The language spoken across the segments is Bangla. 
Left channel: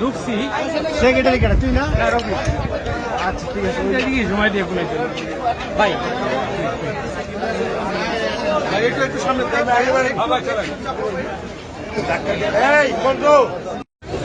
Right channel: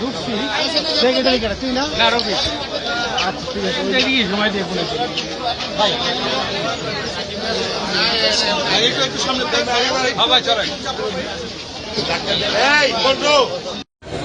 ঢুকছি সেক্রেটারি কেটে তুই না আচ্ছা ঠিক আছে ওইটা কি সময় দিয়ে ফোন ভাই একটু একটু। সামনে বন্ধু।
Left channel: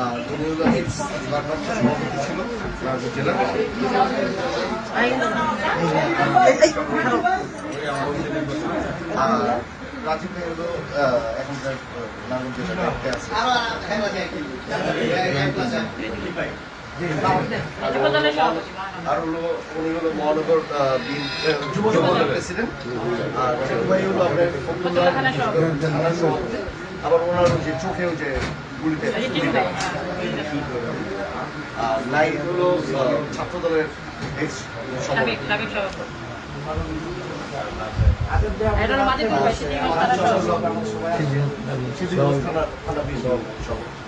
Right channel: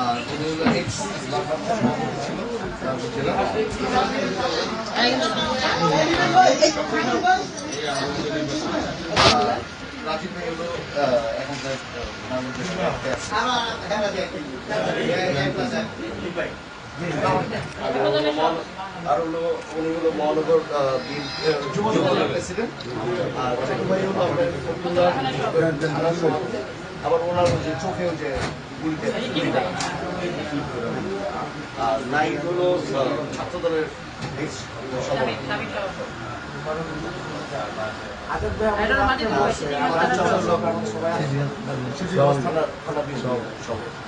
আর উনি হলো এক্স লাভরাত্র আর হলো উনি হলো মহানগর যুব প্রেসিডেন্ট আর আপনার থানার আবার ওনার যে চোখেও যে গুলিটা লাগছে। আর নাইট হলো ছাত্র দলের সভাপতি থানা সভাপতি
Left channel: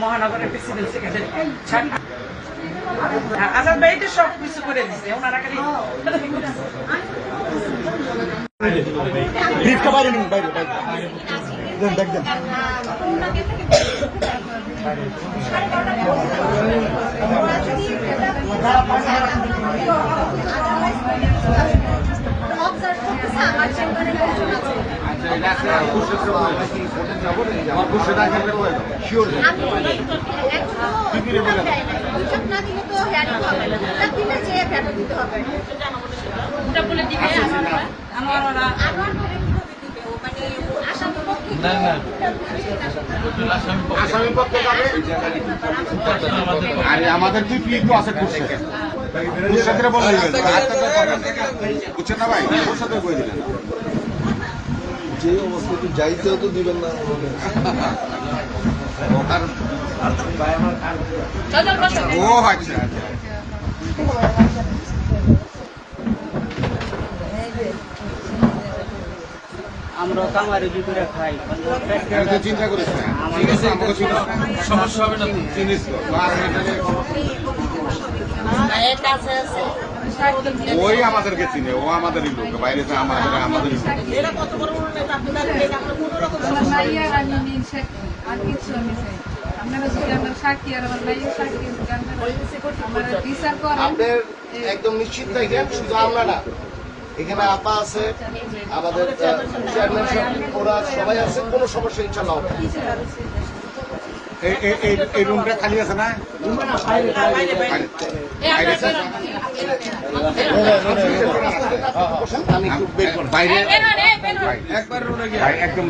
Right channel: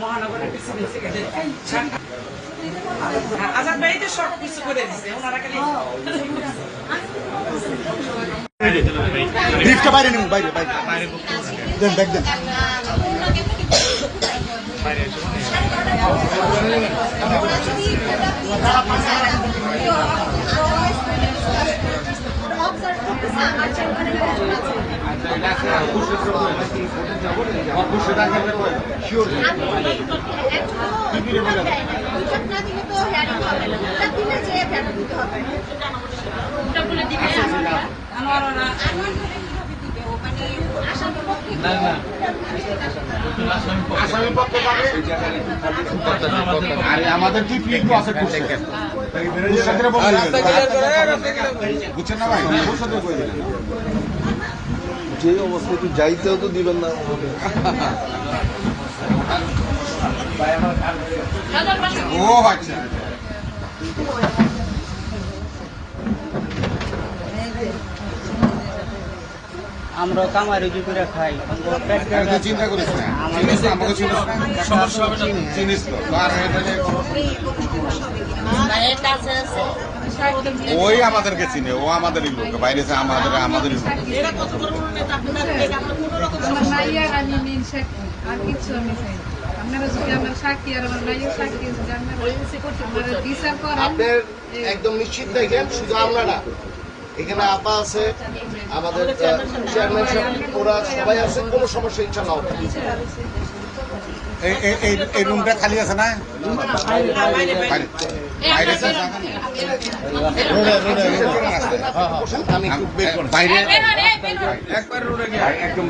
মহানগরের প্রেসিডেন্ট সেক্রেটারি আজাদ ভাই তো সব আমাদের কি ফিল্ড আছে করছে সাথে বলে বুঝছেন না ভাই? ওর সাথে বলে দিলেন। যে অবস্থাতে যাইতেও তো দিবেন না ও আচ্ছা আমরা কামারি কি করে খাই? চিন্তা করিস না? ওই আমাদেরকে চিনে ও আমাদেরই লোক বাইরে আমাদের আমাদেরই একদম নিশ্চিত থাকেন শুধু আমরা না এখানে আপা আছে আমাদের চেয়ারম্যান ওরা সবাই আছে কোনো সমস্যা ইনশাল্লাহ না। এই- খালি আছে না? বাইরে একদম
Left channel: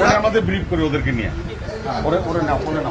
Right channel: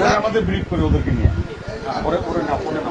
না, আমাদের ব্রিফ করে ওদেরকে নিয়ে। ওরে ওরে নাও ওরে না,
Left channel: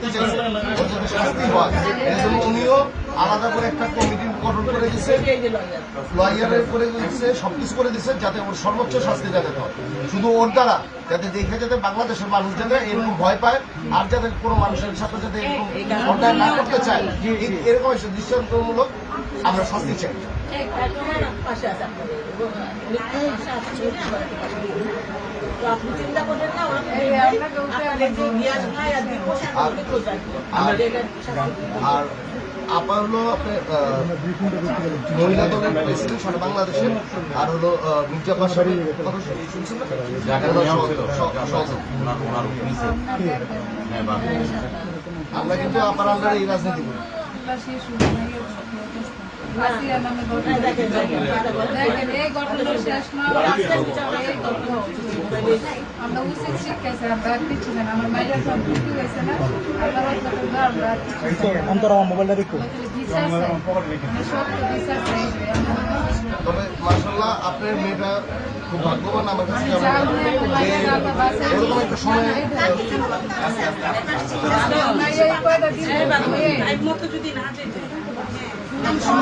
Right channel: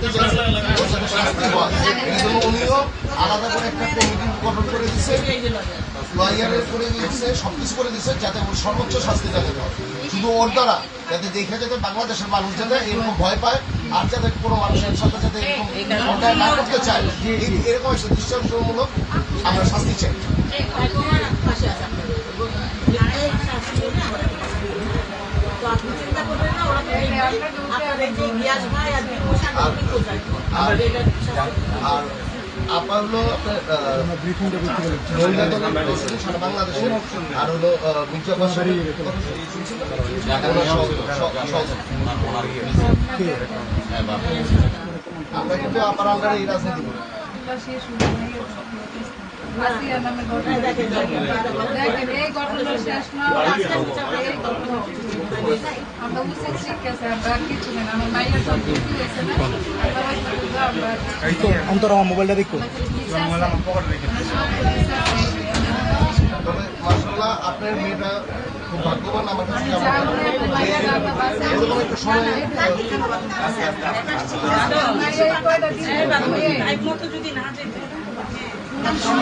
শাস্তি হয় এই উনিও আলাদা করে একটা কমিটি গঠন করে দিচ্ছে লয়ারের করে দিচ্ছে সবকিছু করে দিচ্ছে যাতে ওর সর্বোচ্চ শাস্তি যাতে হয়। শুধু ওর দ্বারা, যাতে দেখে যাতে বাংলাদেশের মানুষ যাতে এরকম ভয় পায় আর যাতে কোনো মানুষের সাথে যাতে এরকম অন্যায় না করতে চায়। এরকম একটা দৃষ্টান্তমূলক আমরা শাস্তি চাই। আপার হলো আর হলো মির্জা বাসারি আমরা কিন্তু আপার আন্ডারে এই রাজনীতি করি। আমরা শেষ আসিয়া নামে ঘটনা দেখেন এই ঘটনা শেষ না এই ঘটনা আমরা উচিত শিক্ষা চাই আমরা আর কিছু না আমার মায়ের সব কিছু হয়েছে না আমরা আর কিছু না। অন্তর আমার মোবাইলটা দেখো। তবে মার্শাল্লাহ আপনার মেয়েটা খুব ভাগ্যবান আমার কাছে। এরকম একটা সময় হয়ে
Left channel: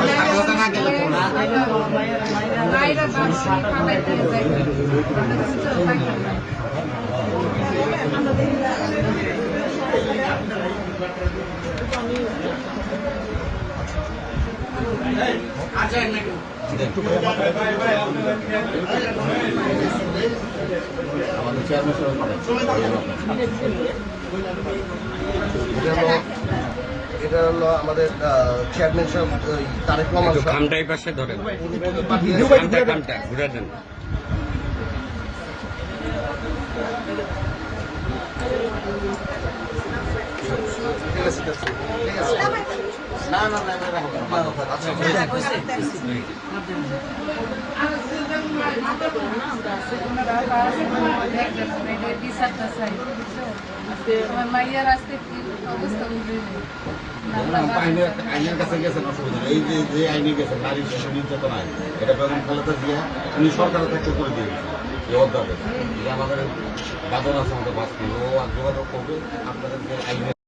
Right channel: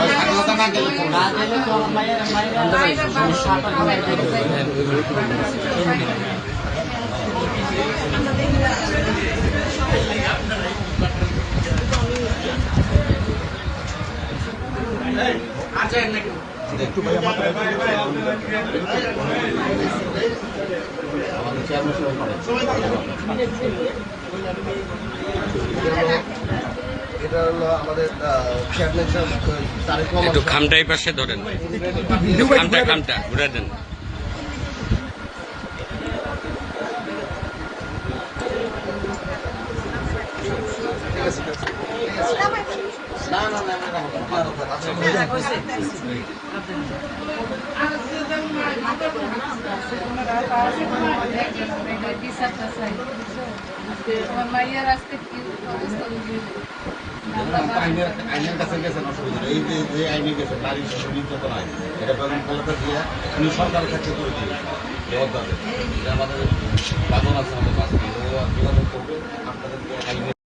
স্বাধীনতা না গেলে আমাদের চেয়ারম্যান হলো এটা হলো আমাদের চেয়ারম্যান সাহেব আহ, তারেক রহমান একটু। খামটা এই পাশে ধরেন খামটা খামটা ঘুরে দেন ঠিক আছে ঠিক আছে ঠিক আছে না না না না, না আচ্ছা আমার মাইয়ার আসতে কি অবস্থা আইনের আইনের কাছে গেছেন অসুবিধা নেই। এই যে যে আইনে গেছে নারী শিশু নির্যাতন আইন এটা বেগম খালেদা জিয়া উনি সরকারের থেকে করে দিয়ে অধ্যাদেশ এটা আমাদের বাদন আছে আমাদের বাস ও যোগাযোগ করবে আপনাদের